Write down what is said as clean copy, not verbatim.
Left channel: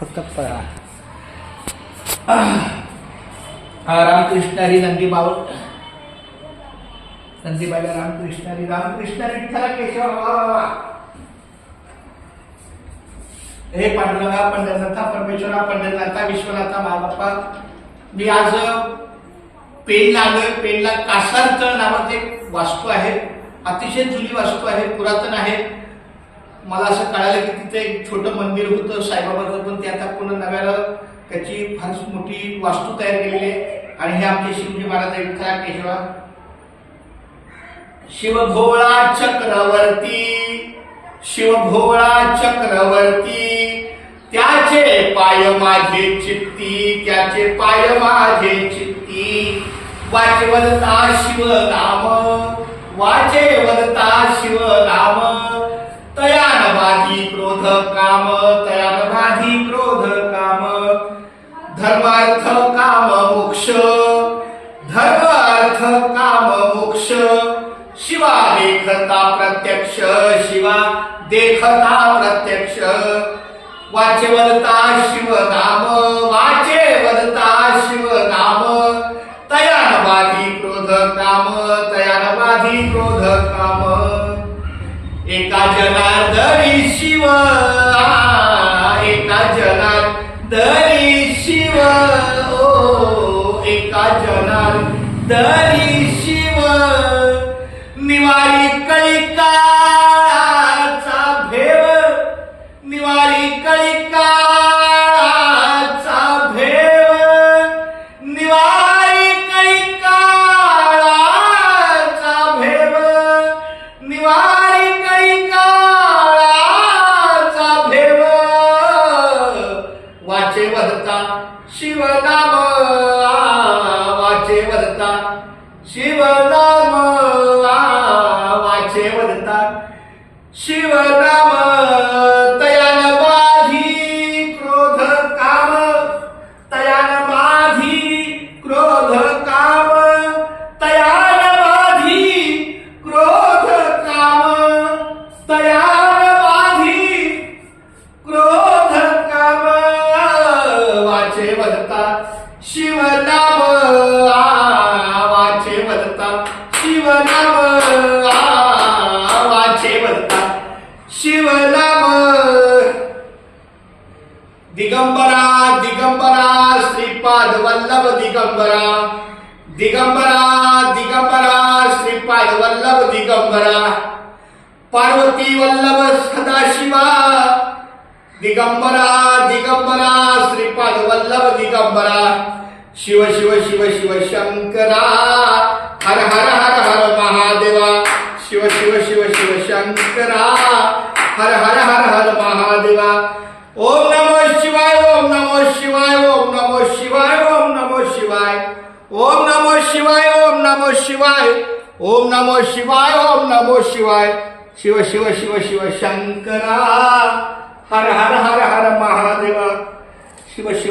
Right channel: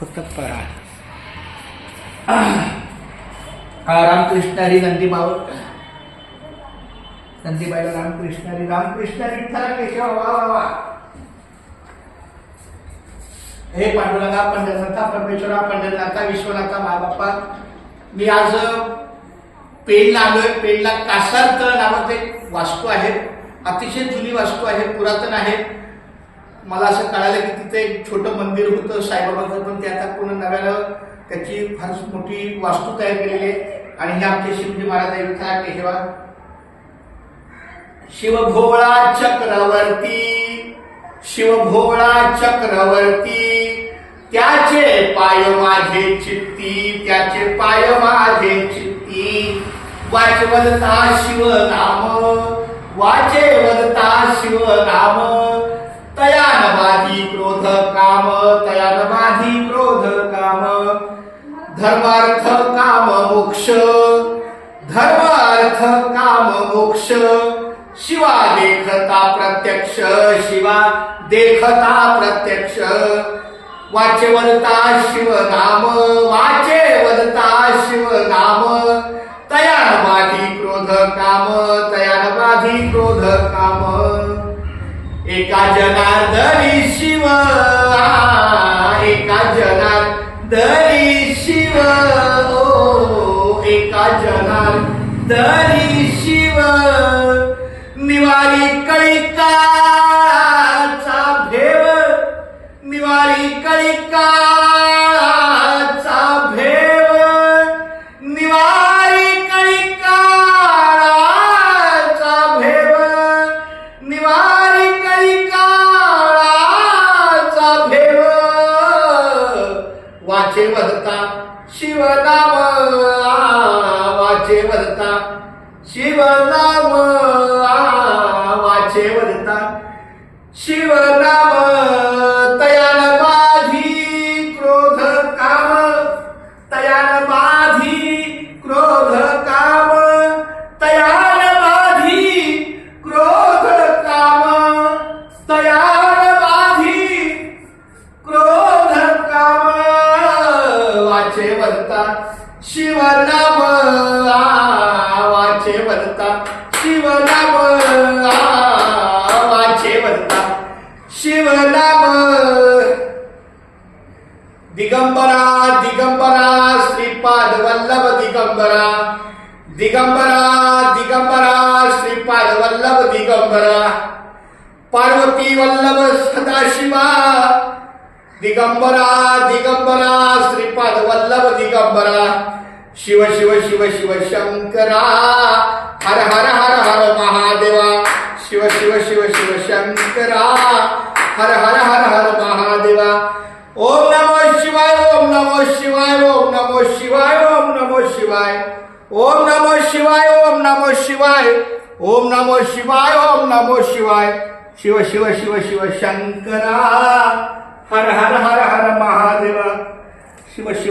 फक्त पळा. रामकृष्ण हरी नंदी माऊळ. नंदीबाईला रामकृष्ण हरी. रामकृष्ण विठ्ठला केशव. वा वा वा. हे पांडुरंगा, पंढरनाथा, परमेश्वरा, पंढरनाथा, विश्वनाथा, महाबाप्पा, मी आज पेणला आलोय. पेणला कासारतळ नावाचं एक वास्तू आहे. अतिशय जुनी वास्तू आहे, पुरातन आहे. मला असं कळालं की तिथे एक छोटं मंदिर होतं साईबाबाचं, पण ते आता पुन्हा नव्यानं त्याची फार मोठी वास्तू तयार केलेली आहे. आणि हे आमचे शिवजी महाराज विठ्ठला केशवा. शिवभोळा चक्रवर्ती, शिवभोळा चक्रवर्ती, त्याचे पाय माझे चित्ती, त्याचे पाय माझे चित्ती. वाचे वदता शिव नाम, वाचे वदता शिव नाम, तयान बाधी क्रोध काम, तयान बाधी क्रोध काम. धर्मार्थ काम मोक्ष, धर्मार्थ काम मोक्ष. शिवा देखता प्रत्यक्ष, शिवा देखता प्रत्यक्ष. वाचे वदता शिव नाम, वाचे वदता शिव नाम, तयान बाधी क्रोध काम, तयान बाधी क्रोध काम. एका जनार्दनी शिव, एका जनार्दनी शिव, ओ एका जनार्दनी शिव. निवारी कळिकाचा भेव, निवारी कळिकाचा भेव, निवारी कळिकाचा भेव, निवारी कळिकाचा भेव. वाचे वदता शिवनाम, वाचे वदता शिवनाम, वाचे वदता शिवनाम. तयान बाधी क्रोध काम, तयान बाधी क्रोध काम, तयान बाधी क्रोध काम, तयान बाधी क्रोध काम. वाचे वदता शिवनाम, वाचे वदता शिवनाम, वाचे वदता शिवनाम. दिगंबरा दिगंबरा श्रीपाद वल्लभ दिगंबरा, दिगंबरा दिगंबरा श्रीपाद वल्लभ दिगंबरा. पार्वती वल्लभ सदाशिवा, दिगंबरा दिगंबरा श्रीपाद वल्लभ दिगंबरा. शिव शिव शिव शिव शंकरा, हर हर हर हर महादेवा. शिव शिव शिव शिव शंकरा, हर हर हर हर महादेवा. ओम नमो शिवाय, ओम नमो शिवाय, ओम नमो शिवाय, ओम नमो शिवाय, ओम नमो शिवाय, ओम नमो शिवाय, ओम नमो शिवाय, ओम नमो शिवाय. शिव शिव शिव शिव शंकरा, हर हर हर हर महादेवा. शिव शिव